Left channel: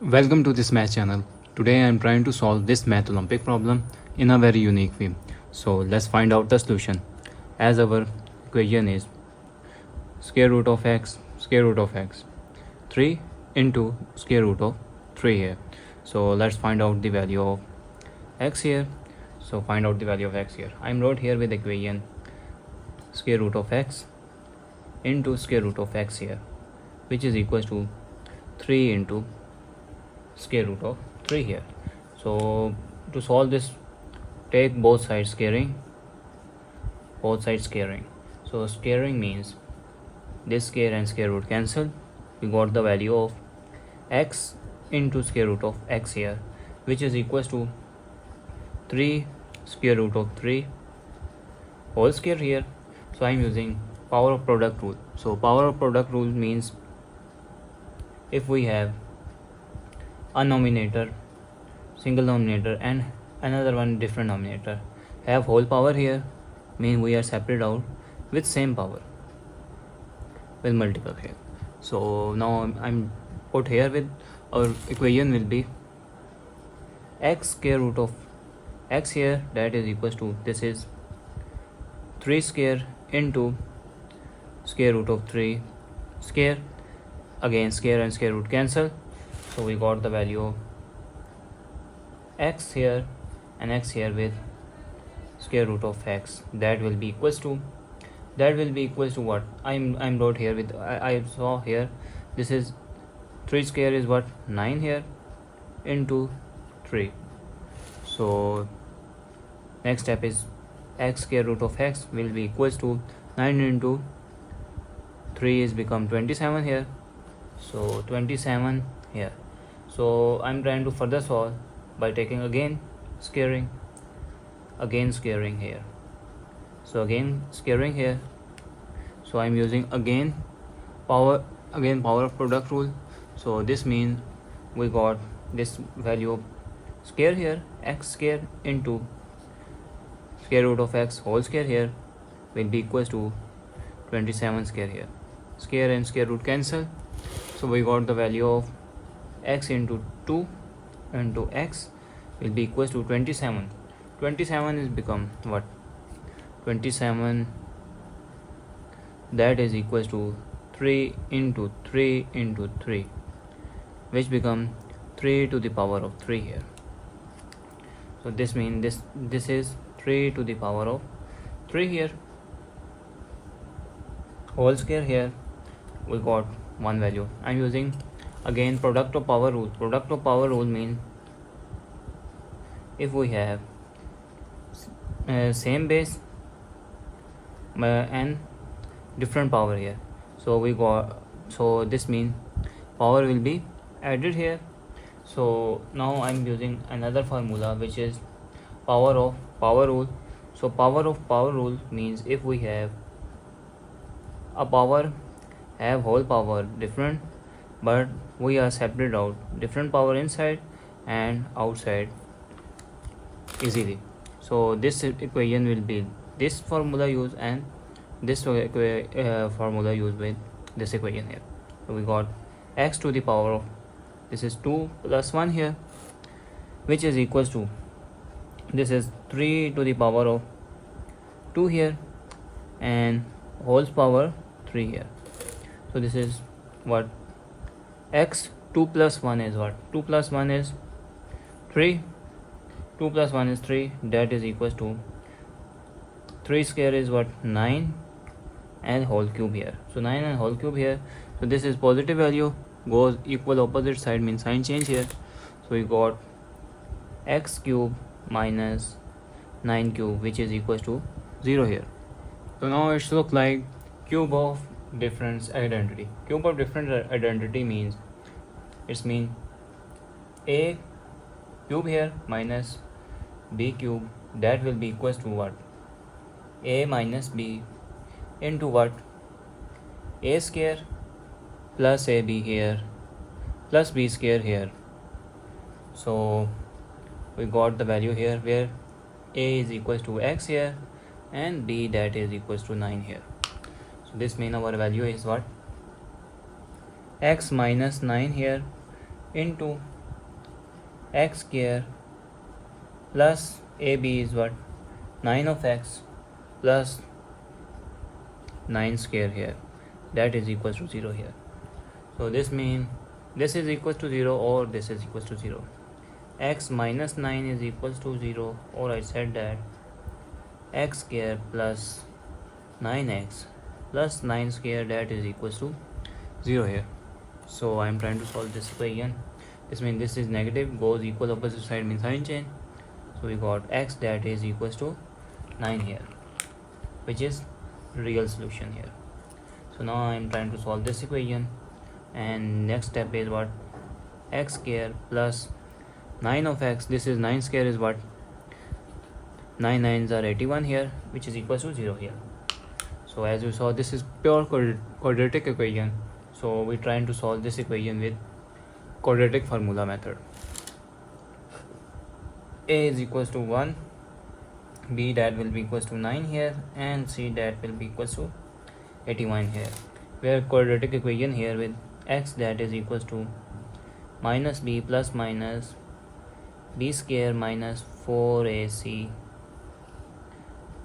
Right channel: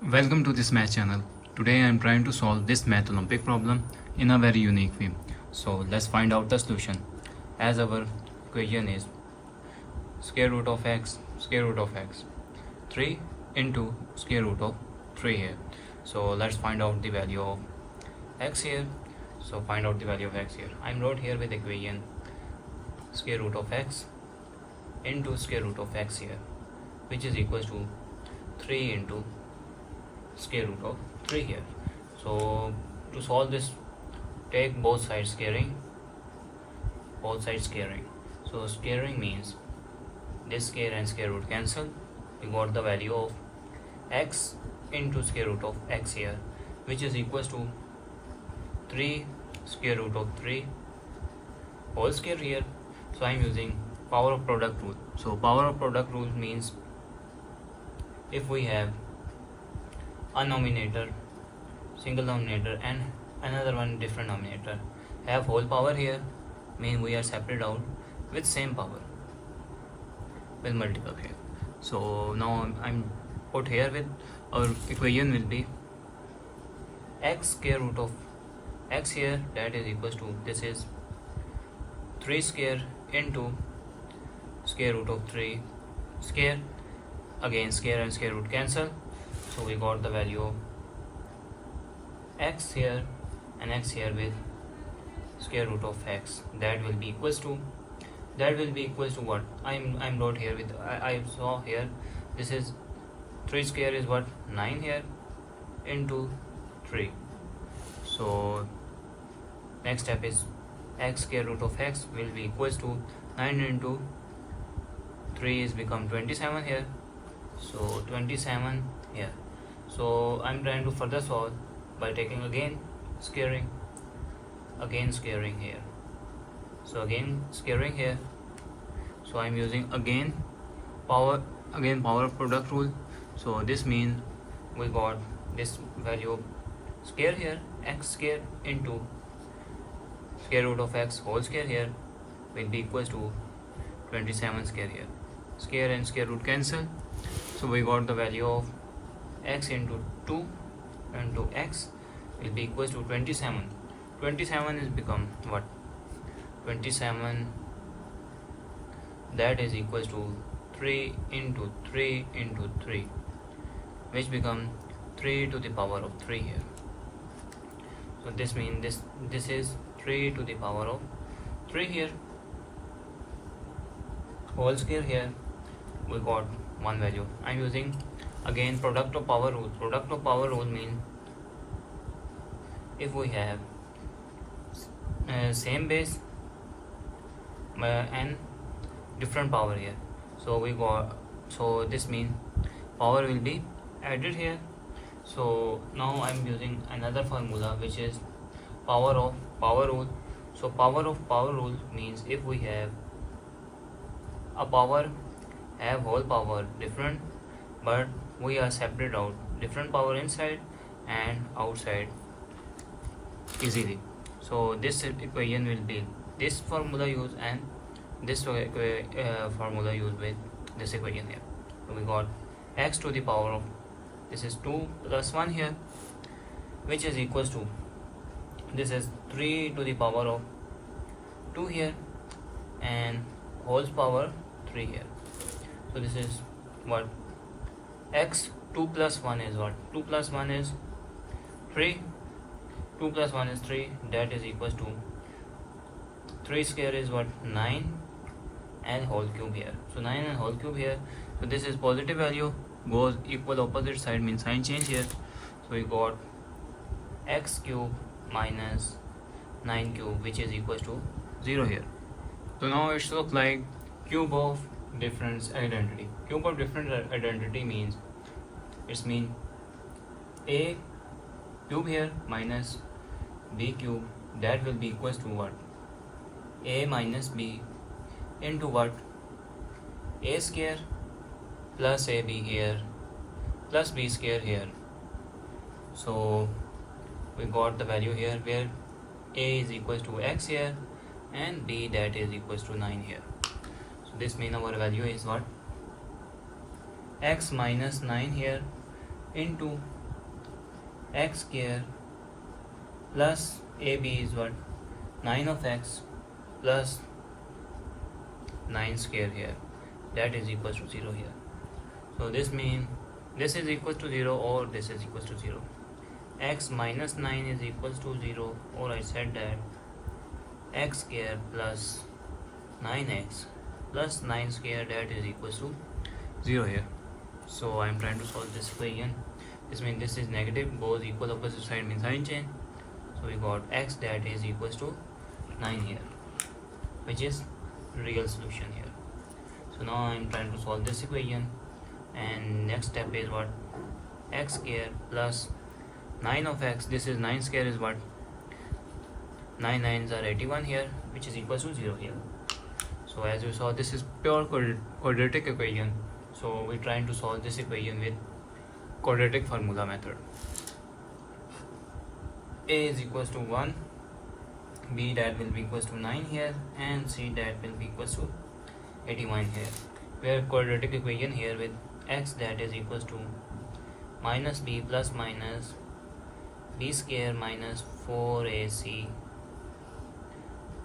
Welcome to this math channel. Today I am trying to solve this math Olympic problem in a very unique way. So let's find out the solution. As our equation is square root of x, 3 into square root of 3 here. So let's find out the value of x here. So find out the value of x here. I am wrote here with equation square root of x into square root of x here, which is equals to 3 into square root of 3 here. So to solve this, take both sides squaring. So squaring means this square and square root cancel. We got the value of x into square root of x here, which is equals to 3 square root of 3 whole square here. So I am using power of product rule. So power of product rule means if we have a nominator, single nominator, and another one different nominator, have whole power here, mean we are separate out with same power, with multiple here. So now I'm put here with our equation will be x square root of x here, that is equals to, this is 3 square into square root of 3 square, again square and square root cancel. So we got the value of x here and x here with square root of x, that will be equals to what I'm wrote here with, I saw here, this is 3 square is what, 9 here into 3. So next step is x square root of x will be equals to 9 into 3 is become 27 here. So 27 here. So I'm trying to further solve by taking again squaring here. So again squaring here. So I'm using again power of product rule. So this means we got this value of square here, x square into square root of x whole square here will be equals to 27 square here. Square and square root cancel. So we got the value of x into 2 into x will be equals to 27. 27 is become what? 27, that is equals to 3 into 3 into 3, which become 3 to the power of 3 here. So this means this is 3 to the power of 3 here, whole square here. We got one value. I'm using again product of power rule. Product of power rule means if we have same base and different power here, so we got, so this means power will be added here. So now I'm using another formula, which is power of power rule. So power of power rule means if we have a power have whole power different, but we are separate out different power inside and outside easily. So this equation will be this formula used and this formula used with this equation here. So we got x to the power of, this is 2 plus 1 here, which is equals to, this is 3 to the power of 2 here and whole power 3 here. So this is what, x 2 plus 1 is what, 2 plus 1 is 3, 2 plus 1 is 3, that is equals to 3 square is what, 9 and whole cube here. So 9 and whole cube here. So this is positive value, goes equal opposite side means sign change here. So we got x cube minus 9 cube, which is equals to 0 here. So now it looks like cube of difference identity. Cube of difference identity means it's mean a cube here minus b cube, that will be equals to what, a minus b into what, a square plus ab here plus b square here. So we got the value here where a is equals to x here and b, that is equals to 9 here. So this means our value is what, x minus 9 here into x square plus AB is what? 9 of x plus 9 square here, that is equals to 0 here. So this means this is equals to 0 or this is equals to 0. X minus 9 is equals to 0, or I said that x square plus 9x plus 9 square, that is equals to 0 here. So I am trying to solve this equation. This means this is negative, goes equal opposite side means sign change. So we got x that is equals to 9 here, which is real solution here. So now I am trying to solve this equation, and next step is what? X square plus 9 of x, this is 9 square is what? 9 9s are 81 here, which is equals to 0 here. So as you saw, this is pure quadratic equation. So we're trying to solve this equation with quadratic formula method. A is equals to 1, B that will be equals to 9 here, and C that will be equals to 81 here. We have quadratic equation here with x that is equals to minus b plus minus b square minus 4ac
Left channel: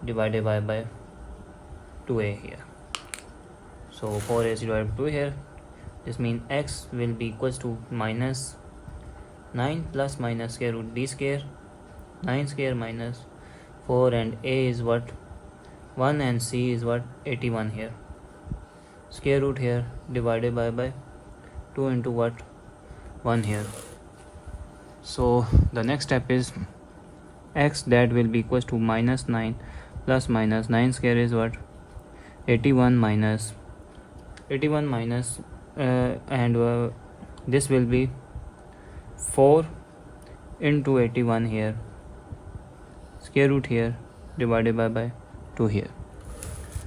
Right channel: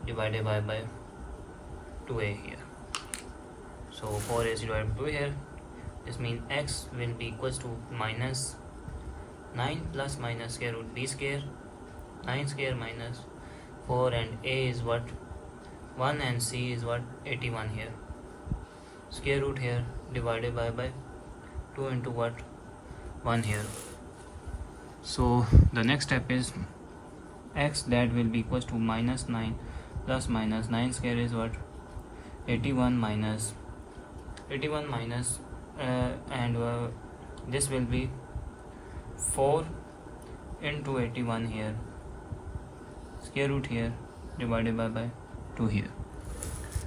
divided by 2a here. So 4ac divided by 2 here. This means x will be equals to minus 9 plus minus square root b square, 9 square minus 4, and a is what? 1, and c is what? 81 here. Square root here divided by 2 into what? 1 here. So the next step is x that will be equals to minus 9 plus minus 9 square is what? 81 minus this will be 4 into 81 here, square root here divided by 2 here.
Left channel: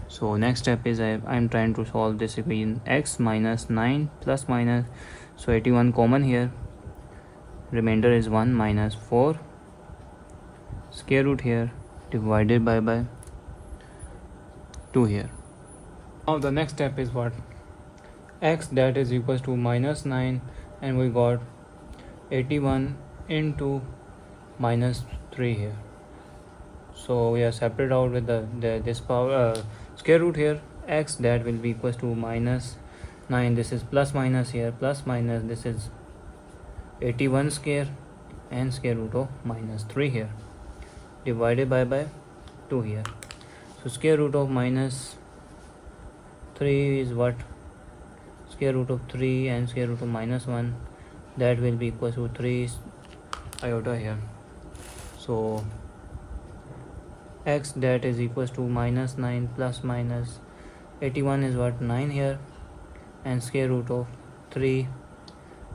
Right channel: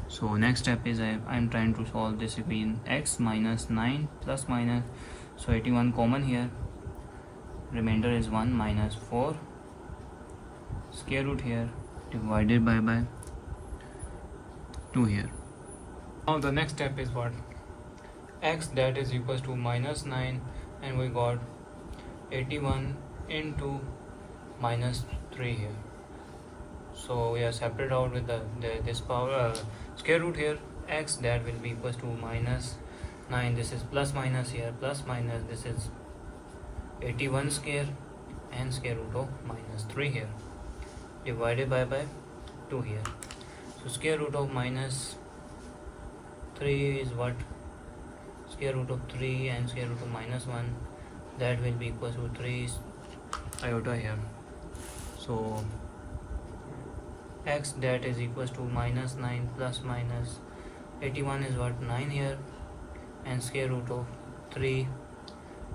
So next step is I am trying to solve this equation. X minus 9 plus minus, so 81 common here, remainder is 1 minus 4 square root here divided by 2 here. Now the next step is what? X that is equals to minus 9, and we got 81 into minus 3 here. So we are separate out with this power square root here. X that will be equals to minus 9, this is plus minus here, plus minus, this is 81 square and square root of minus 3 here divided by 2 here. So square root of minus 3 is what? Square root of 3 and square root of minus 1, that will be equal to 3 iota here. So x that is equals to minus 9 plus minus 81 is what? 9 here, and square root of 3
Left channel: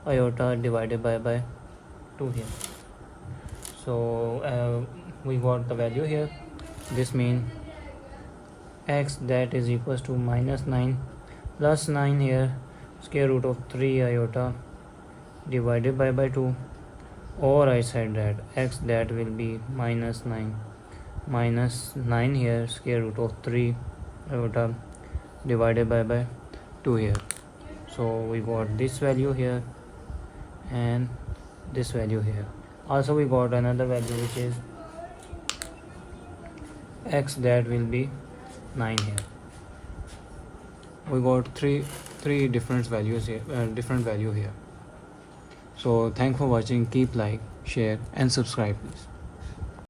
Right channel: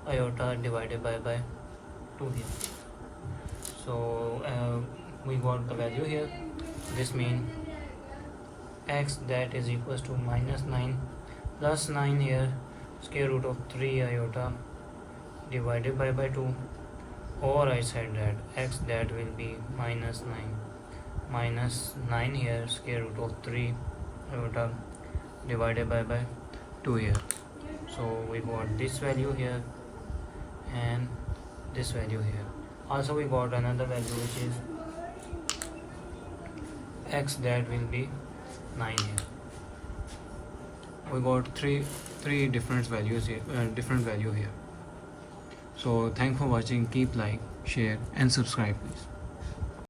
iota divided by 2 here. So we got the value here. This means x that is equals to minus 9 plus 9 here, square root of 3 iota divided by 2, or I said that x that will be minus 9 here, square root of 3 iota divided by 2 here. So we got this value here and this value here. Also we got another value which is x that will be 9 here. We got three different values here, different value here. So thanks for watching. Keep like, share and subscribe please.